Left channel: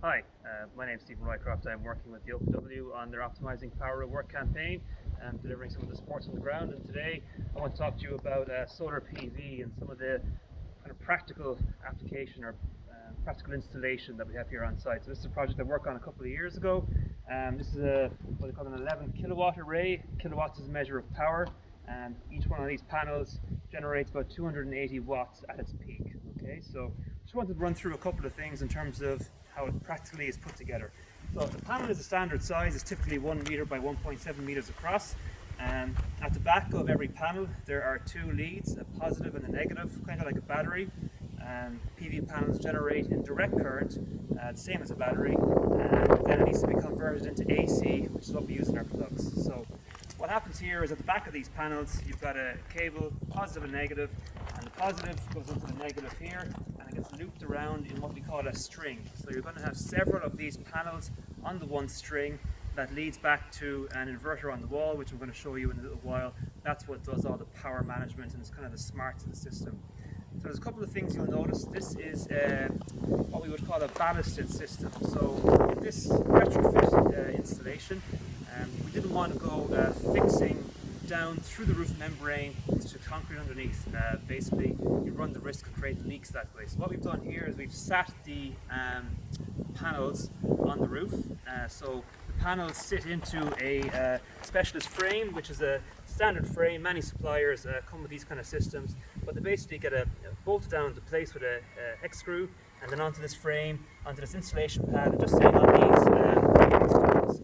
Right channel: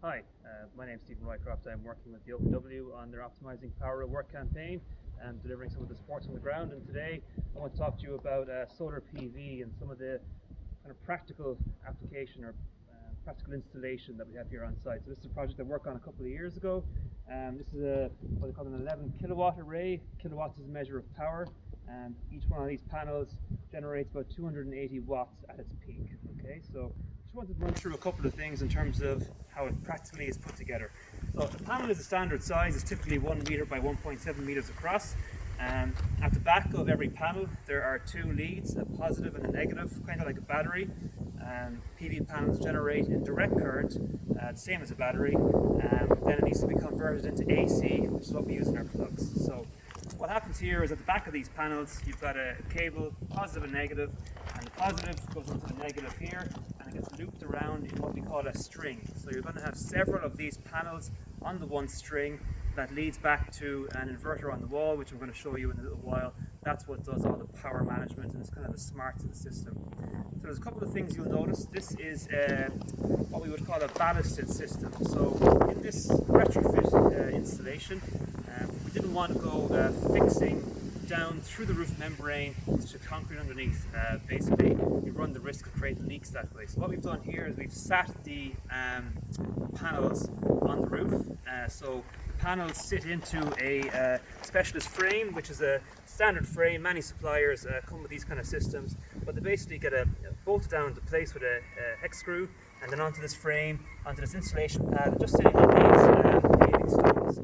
Hi, my name is Stephen Rycroft. I'm working with the OpenW on their Optimizing Power at Work campaign and delivering some of the sports on the ground. And today I want to talk to you about solar PV and some of the kind of practical application or practical installation that we have here on site. So this is a project I worked on a couple of years ago. This is what they call an 11 kilowatt array. Kilowatts is a measure of power, and each one of these panels generates about 280 watts at its peak. Okay, so just wanted to run through a couple of things in terms of how it practically is put together. So the panel is a standard size. It's typically 1 meter by 1.7 meters across. At the back of every panel there are two leads, a positive and a negative, kind of like a battery. PV panels generate in direct current, the same as a battery, and then it needs to be converted into AC, which is what we use in our plugs. So what happens here is at the back of these panels you've got a cable, positive and negative, and the positive goes into the negative here and it gets looped around in what we call a string. So you're going to have several of these panels on the one string that leads back to an inverter on the wall, which I'm going to show you in a little while. That's what does all the power management, and it's kind of the smarts of the system. So there's a couple of things you'll notice. This is what we would call a ballasted system. So in this retrofit installation, we didn't want to go fixing down through the roof membrane to concrete underneath. Basically, you run the risk of creating leaks that way. So what we've done here is we've sat the panels on the roof. So the panels sit into a specialist frame, which is a standard frame. Many suppliers come with these kind of systems, but they basically get bolted down into place with a hex screw, and then onto this frame, onto this insulation pad, and just sitting on these stones.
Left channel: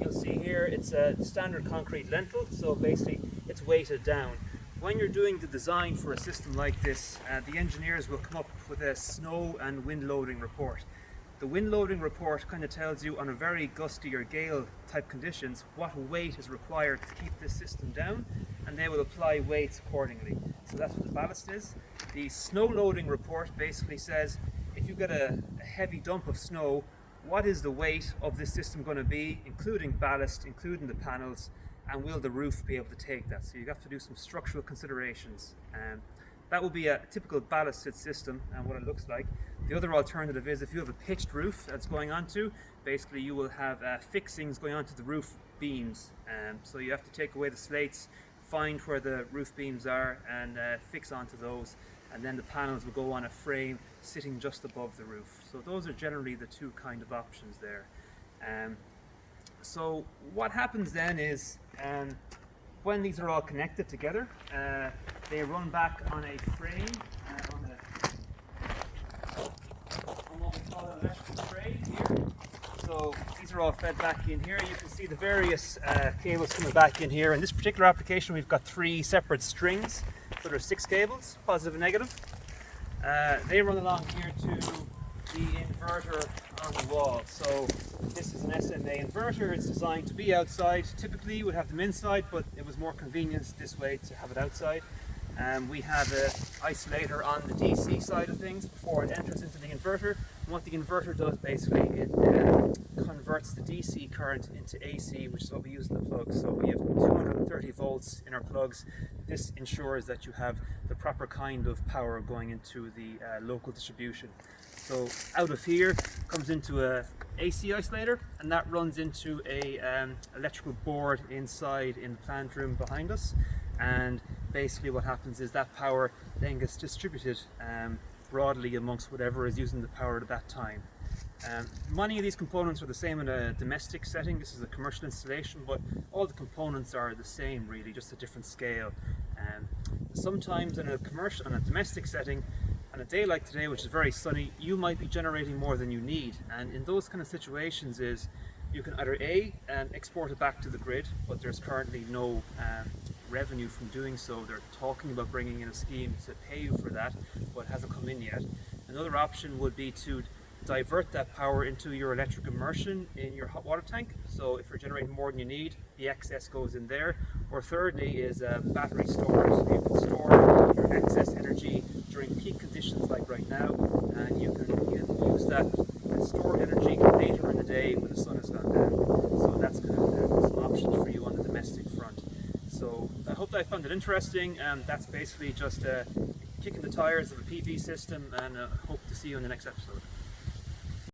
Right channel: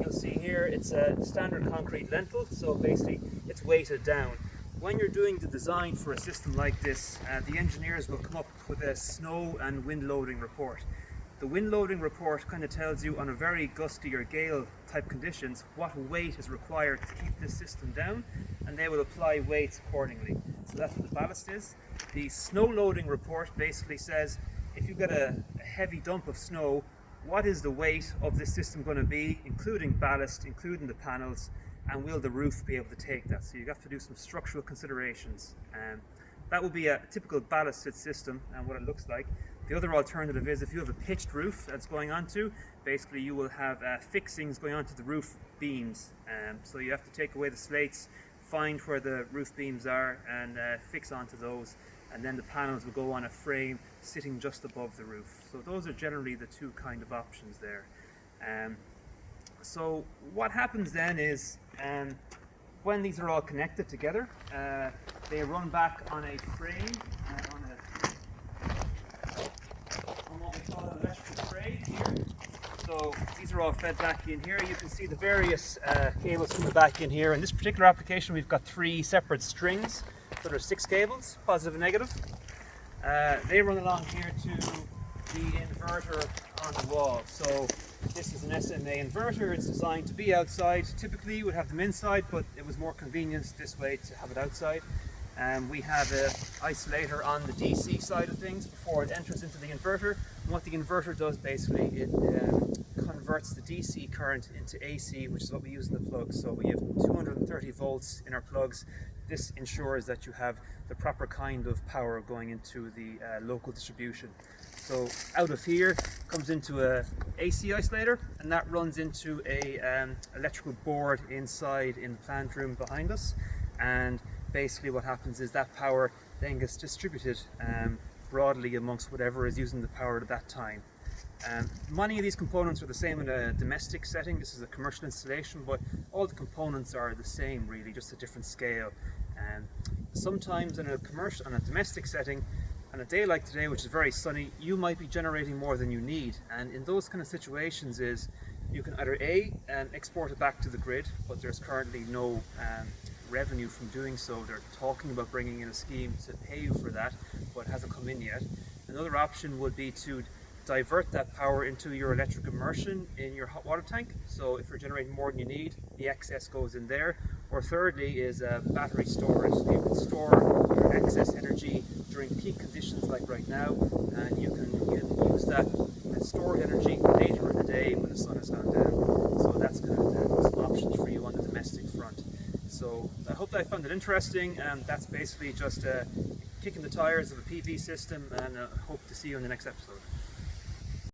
You'll see here it's a standard concrete lintel, so basically it's weighted down. When you're doing the design for a system like this, the engineers will come up with a snow and wind loading report. The wind loading report kind of tells you on a very gusty or gale type conditions what weight is required to keep this system down, and they will apply weights accordingly. So that's what the ballast is. The snow loading report basically says if you get a heavy dump of snow, what is the weight of this system going to be, including ballast, including the panels, and will the roof be able to take that? So you have to do some structural considerations. That will be a typical ballasted system and what it looks like. The other alternative is if you have a pitched roof that's going onto, basically you will have fixings going onto the roof beams. So you have to take away the slates, find where the roof beams are, and fix onto those. And then the panels will go on a frame sitting just above the roof. So those are generally the two kind of options there. So what happens then is when these are all connected together, they run back on a frame, on what we call an electrical tray here. So these are all fed back in here. You can see the various cables coming back in here. In this particular application we've got 3 separate strings. So there's 6 cables, positive and negative. They run along here to the inverter on the wall. So this is an SMA inverter. It's designed to be outside. Typically you would have them inside, but it was more convenient this way to have it outside. We have an isolator on the DC side of things before it enters into the inverter. And what the inverter does basically, it converts the DC current into AC, which is what we use in the plugs. So we have 230 volts in our plugs. This ensures that you have the proper kind of power going into the local distribution. So out of here comes into a AC isolator, and that runs into a electrical board inside in the plant room behind us. And basically what happens is that power then gets distributed broadly amongst whatever is using the power at that time. Many of these components are the same in a domestic setting. This is a commercial installation, but all the components are the same really, just a different scale. Sometimes in a domestic setting, on a day like today, which is very sunny, you might be generating more than you need, and in those kind of situations is you can either export it back to the grid, but there's currently no revenue from doing so. They're talking about bringing in a scheme to pay you for that, but it hasn't come in yet. Another option would be to divert that power into your electric immersion in your hot water tank. So if you're generating more than you need, the excess goes in there. Or thirdly is battery storage. So you can store your excess energy during peak conditions like right now, and you can use that stored energy later in the day when the sun has gone down. So that's kind of some options for you on the domestic front. So I hope that I found it interesting, and that's basically just kicking the tires of a PV system, and hope to see you in the next episode.